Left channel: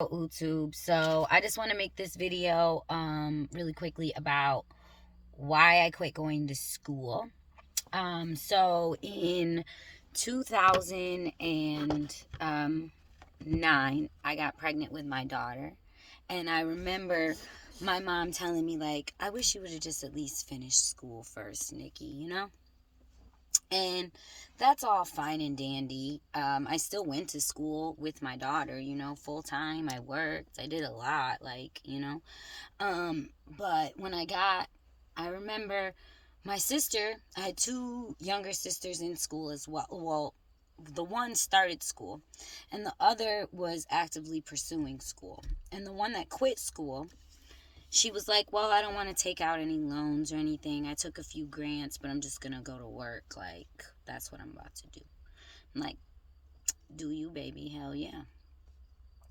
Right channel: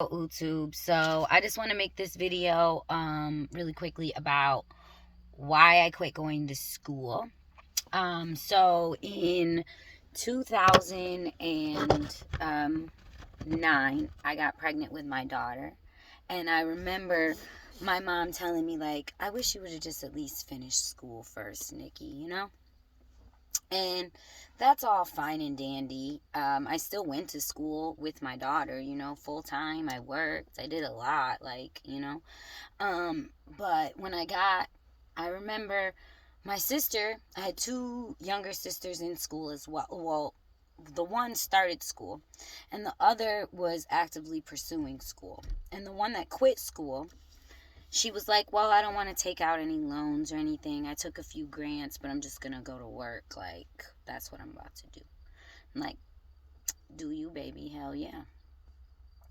YouTube. So I just want to make this video really quickly about why I quit going to school. So in 2009 I got pregnant with my daughter, and I remember my mom telling me, like, I wish you would have just at least finished school first, Nikki, and that's all fine and dandy. I still went to school with my daughter, full time. I worked. I did a lot, but I remember my sister, I had two younger sisters in school as well. Well, the one started school, and the other was actively pursuing school. And the one that quit school, she was like, well, I don't want to take out any loans or anything. I took a few grants, but I'm just going to go to work. Like, that's what I'm about to do. I'm like, do you, baby? Hell yeah.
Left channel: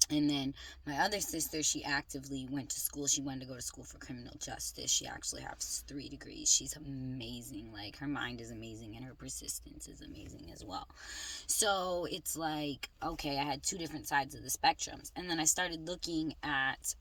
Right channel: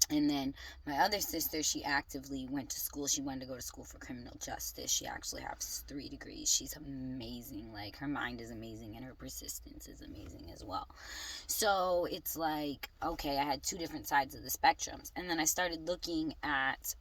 And then my other sister, she actively went to school. She wanted to go to school for criminal justice. She actually has 3 degrees. She's amazing. Like, her mind is amazing, and her persistence is amazing as well. So it's like, okay, I had two different sides of the spectrums. And then I started looking at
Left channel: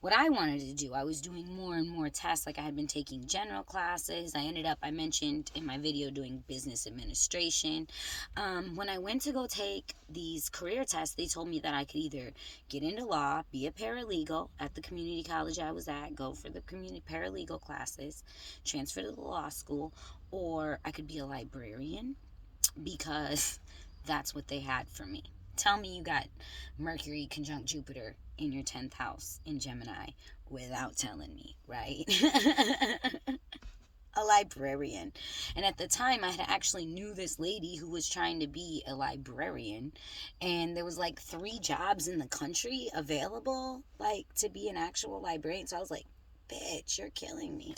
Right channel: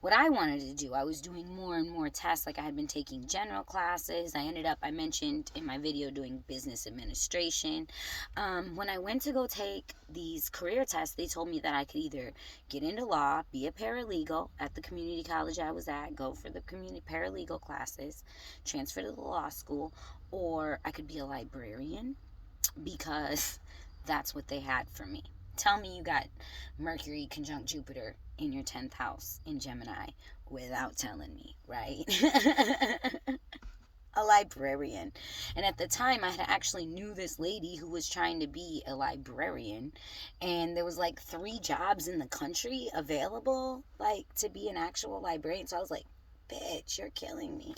what I wanted to do. I was doing more and more tests. Like, I had been taking general classes. I mentioned in my video, doing business administration. When I went to go take these career tests, they told me that I could either get into law, be a paralegal at the community college I was at, go for the community paralegal classes, transfer to the law school, or I could be a librarian, because that's what they had for me. Tell me you got Mercury conjunct Jupiter in your 10th house in Gemini without telling me, right? A librarian. And at the time, I had actually knew this lady who was trying to be a librarian, and there was like 3 jobs in the country available, like, to be an actual librarian. So I was like, bitch, you're killing me.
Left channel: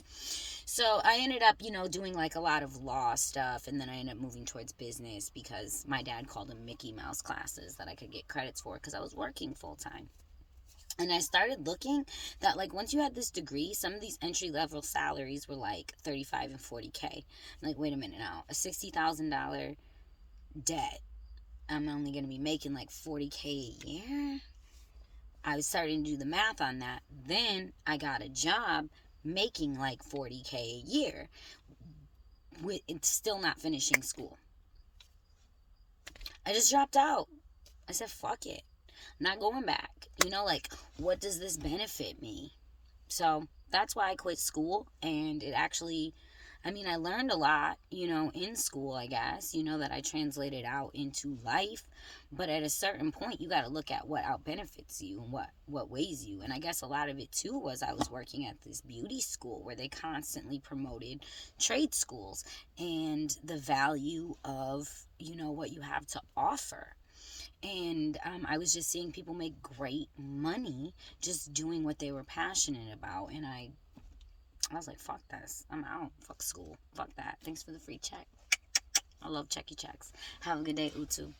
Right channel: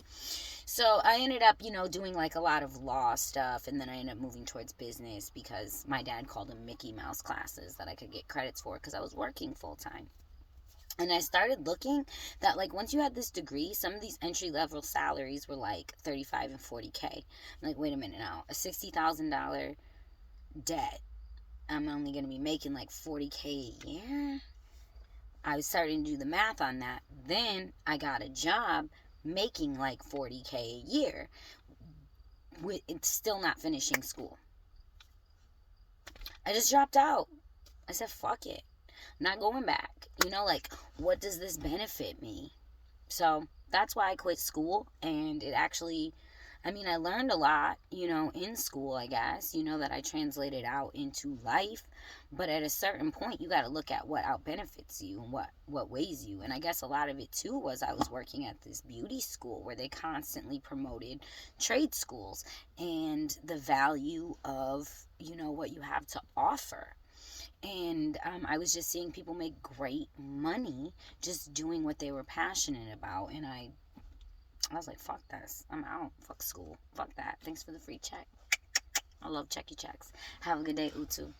So I ended up, doing like a lot of law stuff, and then I ended up moving towards business because my dad called them Mickey Mouse classes that I could get credits for because I was working full time. And I started looking that, like, once you had this degree, some of these entry level salaries were like 35 and 40K. I'm like, wait a minute now, a $60,000 debt, I'm only going to be making like 40K a year. I was starting to do the math on that. Then I got a job making like 40K a year with still not finishing school. I just dropped out. I said, fuck it. I'm not going back. Like, what does this benefit me? So that's why I quit school. And it actually, I learned a lot, in school, I guess, that I translated out into life. But at a certain point, you got to look at what out benefits you and what weighs you. And I guess a lot of it too was I was working at this beauty school where they constantly promoted trade schools and the value of, what you have to offer. And I was just seeing people make great money just doing what they were passionate about. And I was like, fuck this. I'm out. Fuck school. Fuck that. Thanks for the free check. I love checky checks. Have a good day, Utu.